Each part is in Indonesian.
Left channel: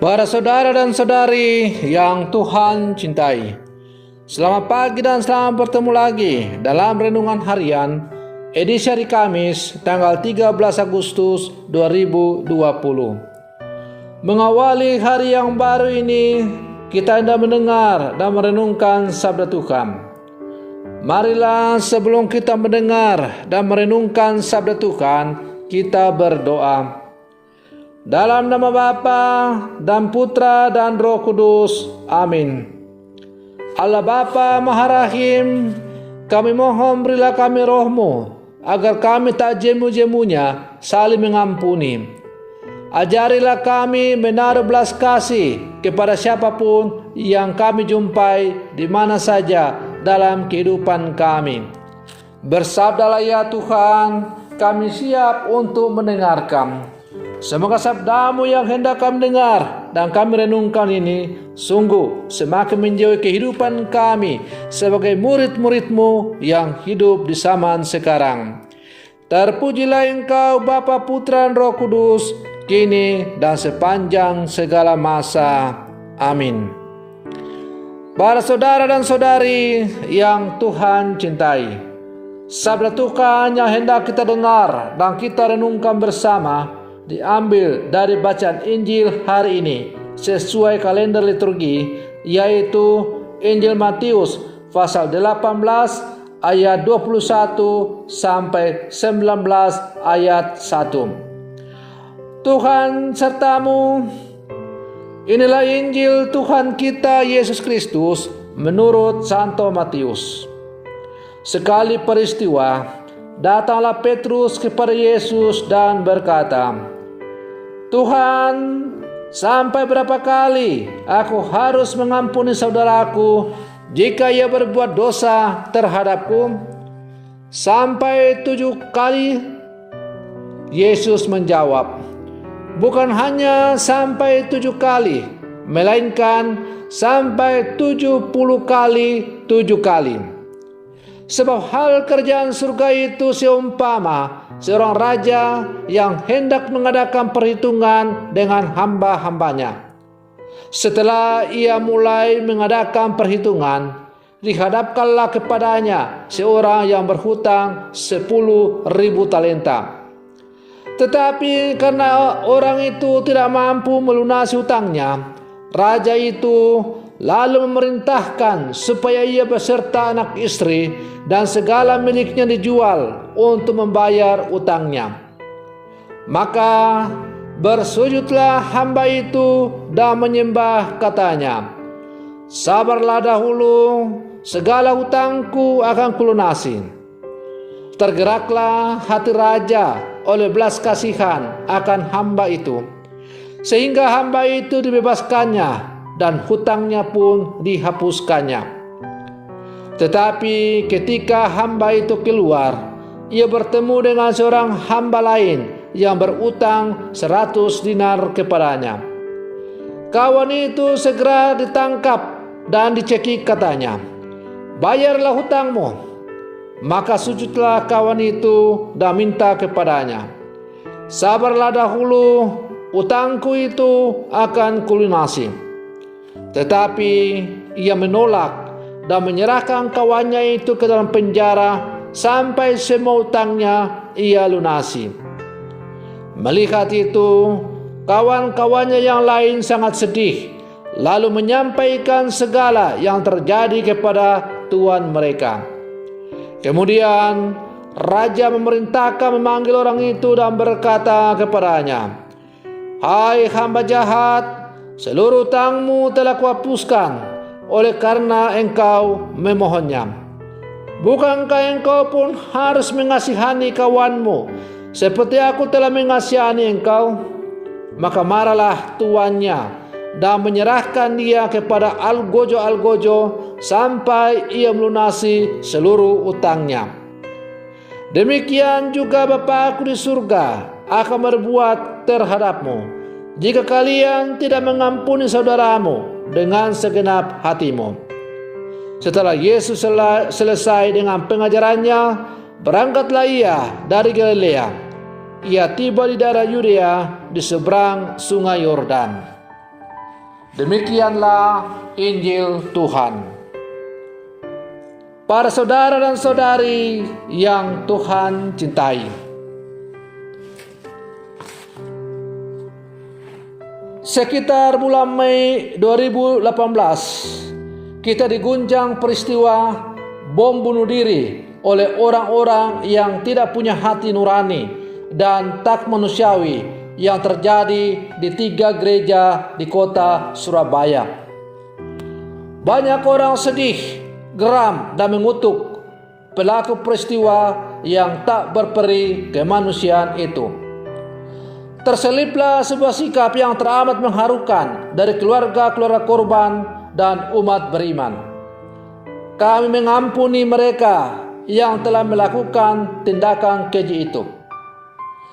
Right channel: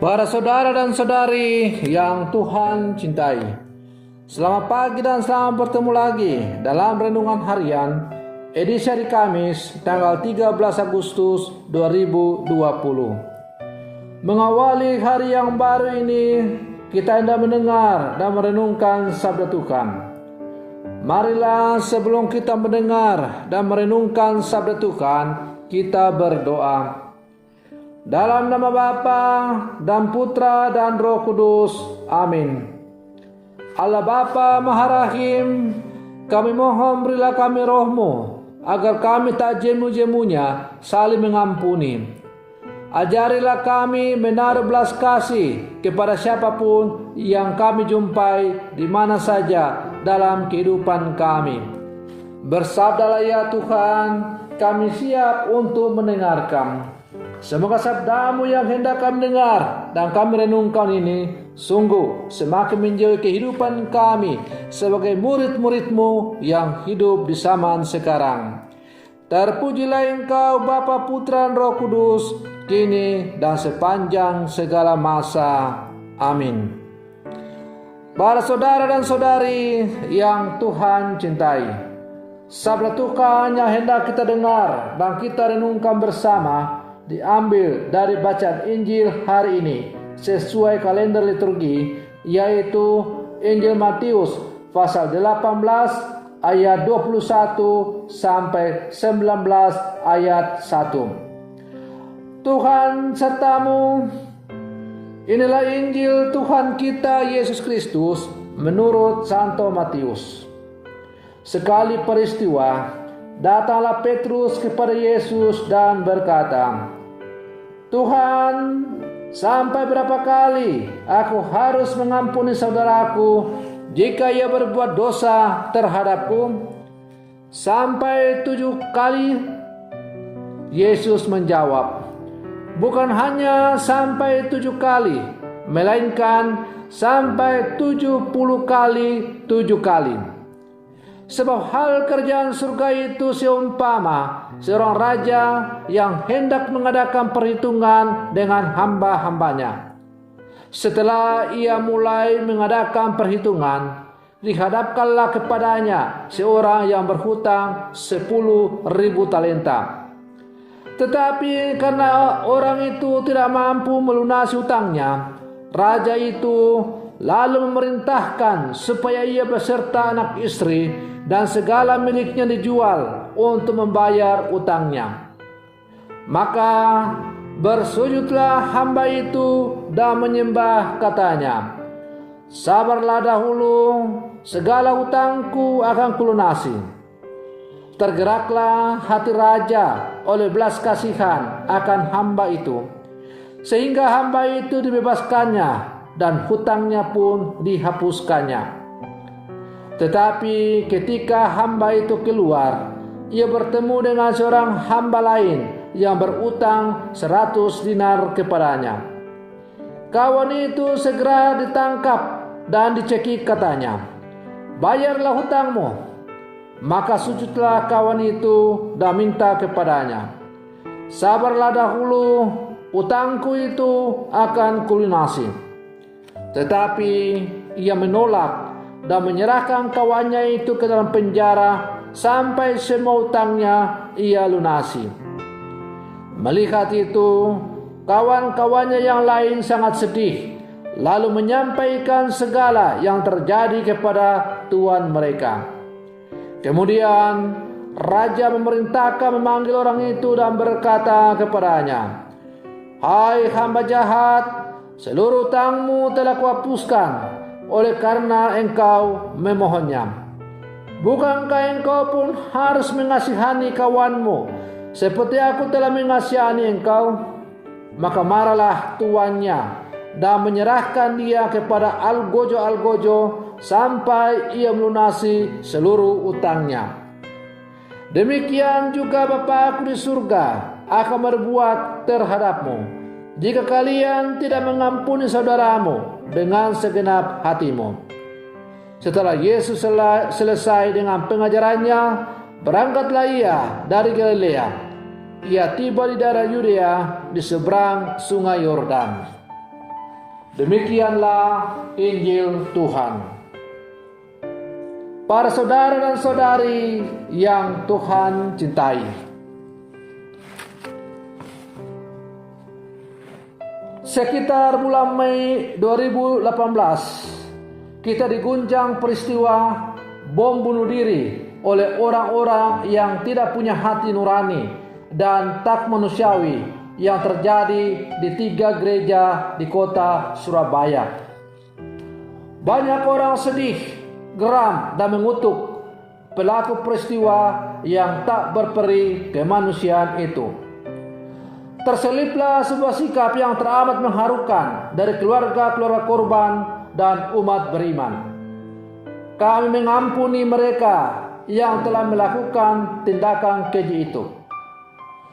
Para saudara dan saudari yang Tuhan cintai, selamat pagi dan selamat bertemu lagi dalam Renungan Harian edisi hari Kamis tanggal 13 Agustus 2020. Mengawali hari yang baru ini, kita hendak mendengar dan merenungkan sabda Tuhan. Marilah sebelum kita mendengar dan merenungkan sabda Tuhan, kita berdoa. Dalam nama Bapa dan Putra dan Roh Kudus. Amin. Allah Bapa Maha Rahim, kami mohon berilah kami roh-Mu, agar kami tak jemu-jemunya saling mengampuni. Ajarilah kami menaruh belas kasih kepada siapapun yang kami jumpai di mana saja dalam kehidupan kami. Bersabdalah ya Tuhan, kami siap untuk mendengarkan. Semoga sabda-Mu yang hendak kami dengar dan kami renungkan ini sungguh semakin menjauhi kehidupan kami sebagai murid-murid-Mu yang hidup di zaman sekarang. Terpujilah Engkau Bapa, Putra dan Roh Kudus, kini dan sepanjang segala masa. Amin. Para saudara dan saudari yang Tuhan cintai, sabda Tuhan yang hendak kita dengar dan kita renungkan bersama diambil dari bacaan Injil hari ini sesuai kalender liturgi, yaitu Injil Matius pasal 18 ayat 21 sampai 19 ayat 1. Tuhan sertamu. Inilah Injil Tuhan kita Yesus Kristus menurut Santo Matius. Sekali peristiwa, datanglah Petrus kepada Yesus dan berkata, Tuhan, sampai berapa kali aku harus mengampuni saudaraku jika ia berbuat dosa terhadapku? Sampai 7 kali? Yesus menjawab, bukan hanya sampai 7 kali, melainkan sampai 70 kali 7 kali. Sebab hal kerjaan surga itu seumpama seorang raja yang hendak mengadakan perhitungan dengan hamba-hambanya. Setelah ia mulai mengadakan perhitungan, dihadapkanlah kepadanya seorang yang berhutang 10.000 talenta. Tetapi karena orang itu tidak mampu melunasi hutangnya, raja itu lalu memerintahkan supaya ia beserta anak istri dan segala miliknya dijual untuk membayar utangnya. Maka bersujudlah hamba itu dan menyembah, katanya, sabarlah dahulu, segala hutangku akan kulunasi. Tergeraklah hati raja oleh belas kasihan akan hamba itu, sehingga hamba itu dibebaskannya dan hutangnya pun dihapuskannya. Tetapi ketika hamba itu keluar, ia bertemu dengan seorang hamba lain yang berutang 100 dinar kepadanya. Kawan itu segera ditangkap dan dicekik, katanya, bayarlah hutangmu. Maka sujudlah kawan itu dan minta kepadanya, sabarlah dahulu, utangku itu akan kulunasi. Tetapi ia menolak dan menyerahkan kawannya itu ke dalam penjara sampai semua utangnya ia lunasi. Melihat itu, kawan-kawannya yang lain sangat sedih, lalu menyampaikan segala yang terjadi kepada tuan mereka. Kemudian raja memerintahkan memanggil orang itu dan berkata kepadanya, hai hamba jahat, seluruh utangmu telah kuhapuskan oleh karena engkau memohonnya. Bukankah engkau pun harus mengasihani kawanmu seperti aku telah mengasihani engkau? Maka marahlah tuannya dan menyerahkan dia kepada algojo-algojo sampai ia melunasi seluruh utangnya. Demikian juga Bapa-Ku di surga akan berbuat terhadapmu jika kalian tidak mengampuni saudaramu dengan segenap hatimu. Setelah Yesus selesai dengan pengajarannya, berangkatlah ia dari Galilea. Ia tiba di daerah Yudea di seberang sungai Yordan. Demikianlah Injil Tuhan. Para saudara dan saudari yang Tuhan cintai, sekitar bulan Mei 2018, kita diguncang peristiwa bom bunuh diri oleh orang-orang yang tidak punya hati nurani dan tak manusiawi yang terjadi di 3 gereja di kota Surabaya. Banyak orang sedih, geram, dan mengutuk pelaku peristiwa yang tak berperi kemanusiaan itu. Terseliplah sebuah sikap yang teramat mengharukan dari keluarga-keluarga korban dan umat beriman. Kami mengampuni mereka yang telah melakukan tindakan keji itu.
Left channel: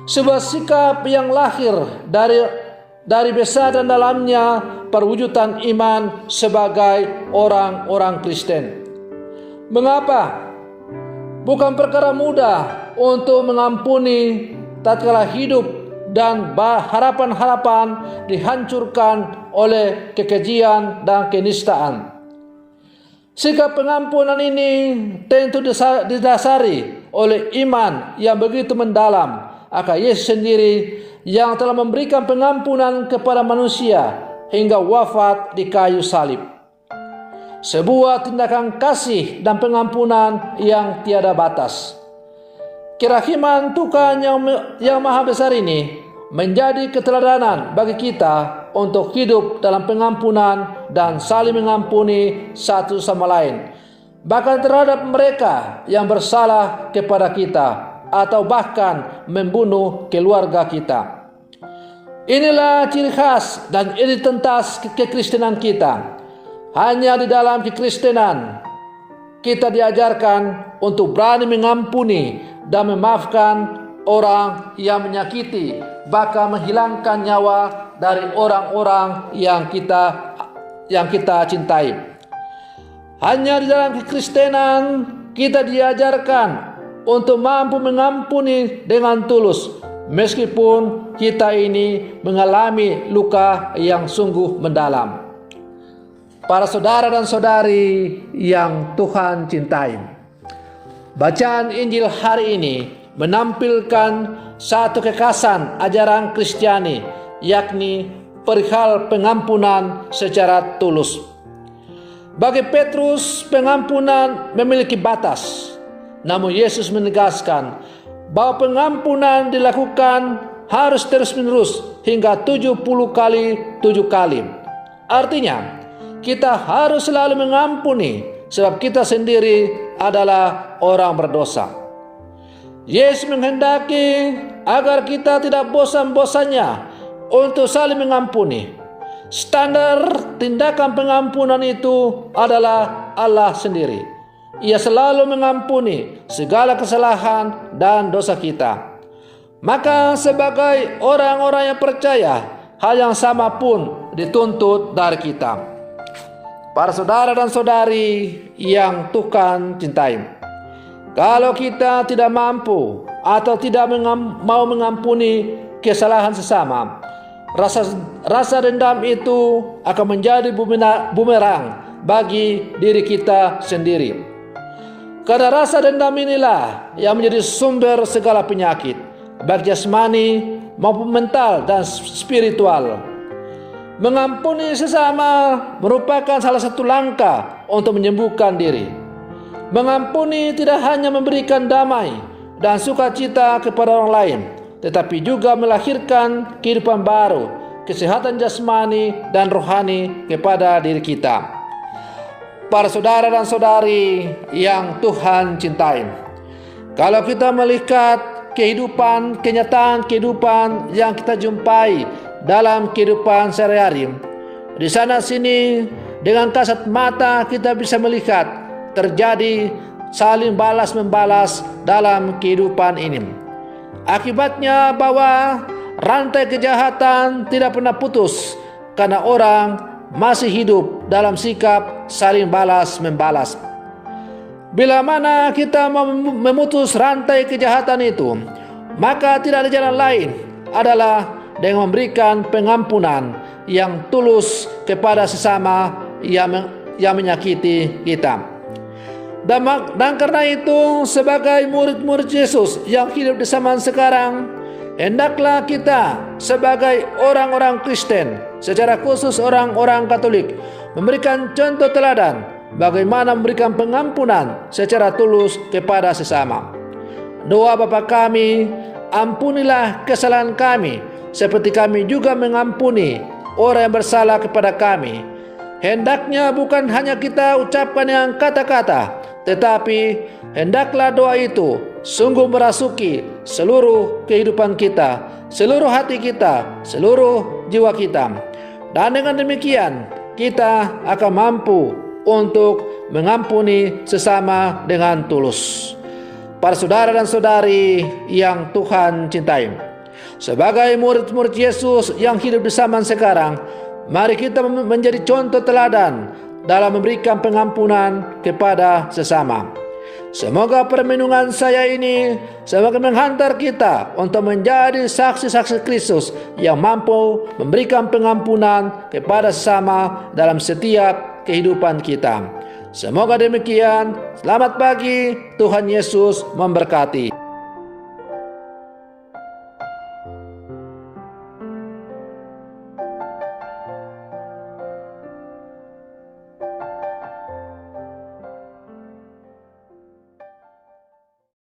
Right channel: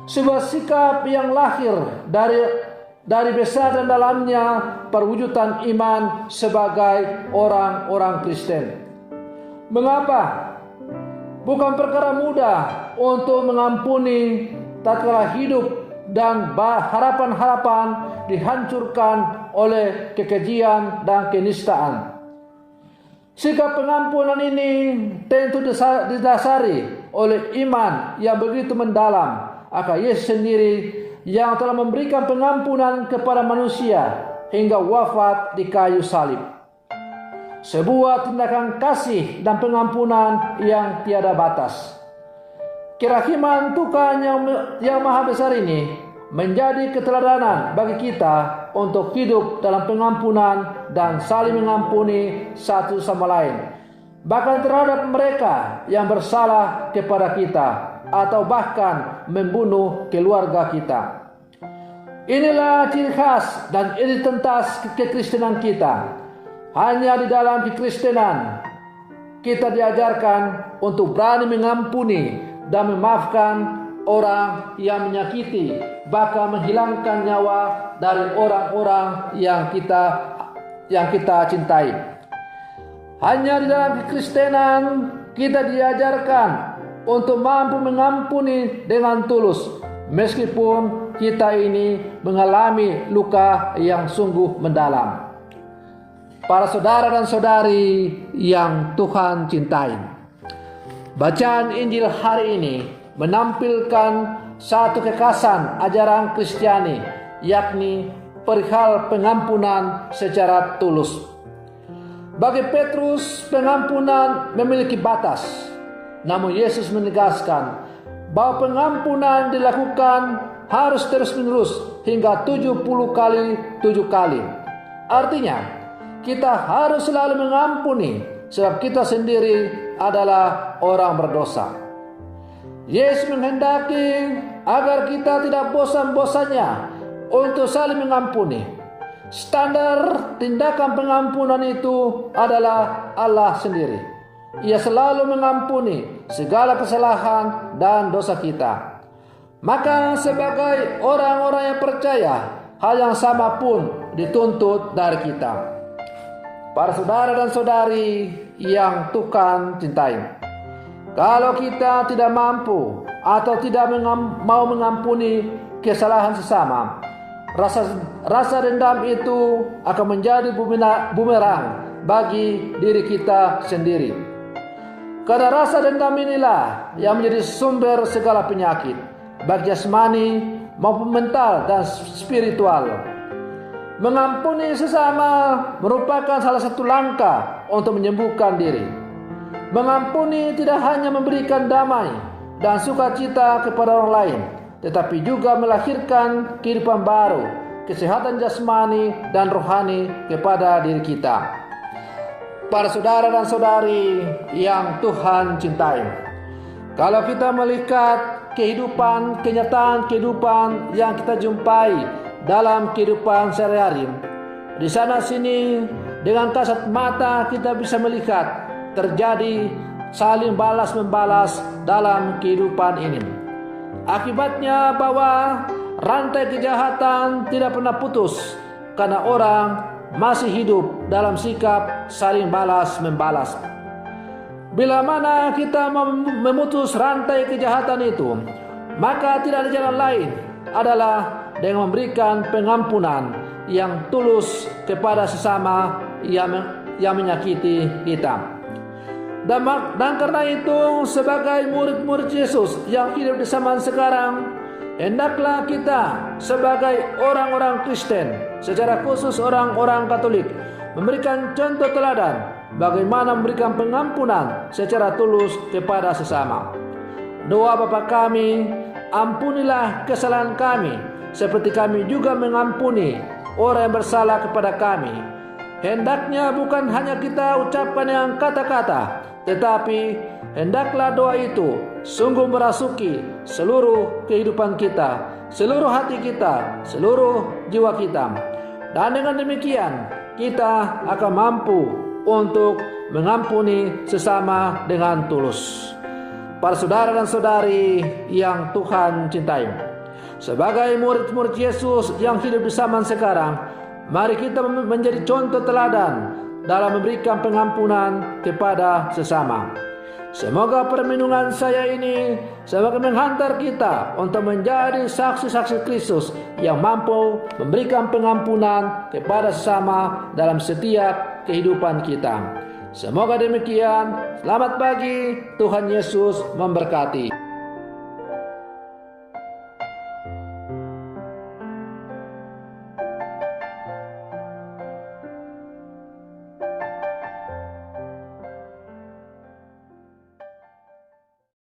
Sebuah sikap yang lahir dari besar dan dalamnya perwujudan iman sebagai orang-orang Kristen. Mengapa? Bukan perkara mudah untuk mengampuni tatkala hidup dan harapan-harapan dihancurkan oleh kekejian dan kenistaan. Sikap pengampunan ini tentu didasari oleh iman yang begitu mendalam akan Yesus sendiri yang telah memberikan pengampunan kepada manusia hingga wafat di kayu salib. Sebuah tindakan kasih dan pengampunan yang tiada batas. Kerahiman Tuhan yang maha besar ini menjadi keteladanan bagi kita untuk hidup dalam pengampunan dan saling mengampuni satu sama lain, bahkan terhadap mereka yang bersalah kepada kita atau bahkan membunuh keluarga kita. Inilah ciri khas dan identitas kekristenan kita. Hanya di dalam kekristenan kita diajarkan untuk berani mengampuni dan memaafkan orang yang menyakiti, bahkan menghilangkan nyawa dari orang-orang yang kita cintai. Hanya di dalam kekristenan kita diajarkan untuk mampu mengampuni dengan tulus, meskipun kita ini mengalami luka yang sungguh mendalam. Para saudara dan saudari yang Tuhan cintai, bacaan Injil hari ini menampilkan satu kekhasan ajaran Kristiani, yakni perihal pengampunan secara tulus. Bagi Petrus, pengampunan memiliki batas. Namun Yesus menegaskan bahwa pengampunan dilakukan harus terus-menerus hingga 70 kali 7 kali. Artinya, kita harus selalu mengampuni sebab kita sendiri adalah orang berdosa. Yesus menghendaki agar kita tidak bosan-bosannya untuk saling mengampuni. Standar tindakan pengampunan itu adalah Allah sendiri. Ia selalu mengampuni segala kesalahan dan dosa kita. Maka sebagai orang-orang yang percaya, hal yang sama pun dituntut dari kita. Para saudara dan saudari yang Tuhan cintai, kalau kita tidak mampu atau tidak mau mengampuni kesalahan sesama, rasa dendam itu akan menjadi bumerang bagi diri kita sendiri. Karena rasa dendam inilah yang menjadi sumber segala penyakit, baik jasmani maupun mental dan spiritual. Mengampuni sesama merupakan salah satu langkah untuk menyembuhkan diri. Mengampuni tidak hanya memberikan damai dan sukacita kepada orang lain, tetapi juga melahirkan kehidupan baru, kesehatan jasmani dan rohani kepada diri kita. Para saudara dan saudari yang Tuhan cintai, kalau kita melihat kenyataan kehidupan yang kita jumpai dalam kehidupan sehari-hari, di sana sini dengan kasat mata kita bisa melihat terjadi saling balas membalas dalam kehidupan ini. Akibatnya bahwa rantai kejahatan tidak pernah putus karena orang masih hidup dalam sikap saling balas membalas. Bila mana kita memutus rantai kejahatan itu, maka tidak ada jalan lain adalah dengan memberikan pengampunan yang tulus kepada sesama yang menyakiti kita. Dan karena itu, sebagai murid-murid Yesus yang hidup di zaman sekarang, hendaklah kita sebagai orang-orang Kristen, secara khusus orang-orang Katolik, memberikan contoh teladan bagaimana memberikan pengampunan secara tulus kepada sesama. Doa Bapa kami, ampunilah kesalahan kami, seperti kami juga mengampuni orang yang bersalah kepada kami. Hendaknya bukan hanya kita ucapkan dengan kata-kata, tetapi hendaklah doa itu sungguh merasuki seluruh kehidupan kita, seluruh hati kita, seluruh jiwa kita. Dan dengan demikian, kita akan mampu untuk mengampuni sesama dengan tulus. Para saudara dan saudari yang Tuhan cintai, sebagai murid-murid Yesus yang hidup di zaman sekarang, mari kita menjadi contoh teladan dalam memberikan pengampunan kepada sesama. Semoga permenungan saya ini semoga menghantar kita untuk menjadi saksi-saksi Kristus yang mampu memberikan pengampunan kepada sesama dalam setiap kehidupan kita. Semoga demikian. Selamat pagi, Tuhan Yesus memberkati.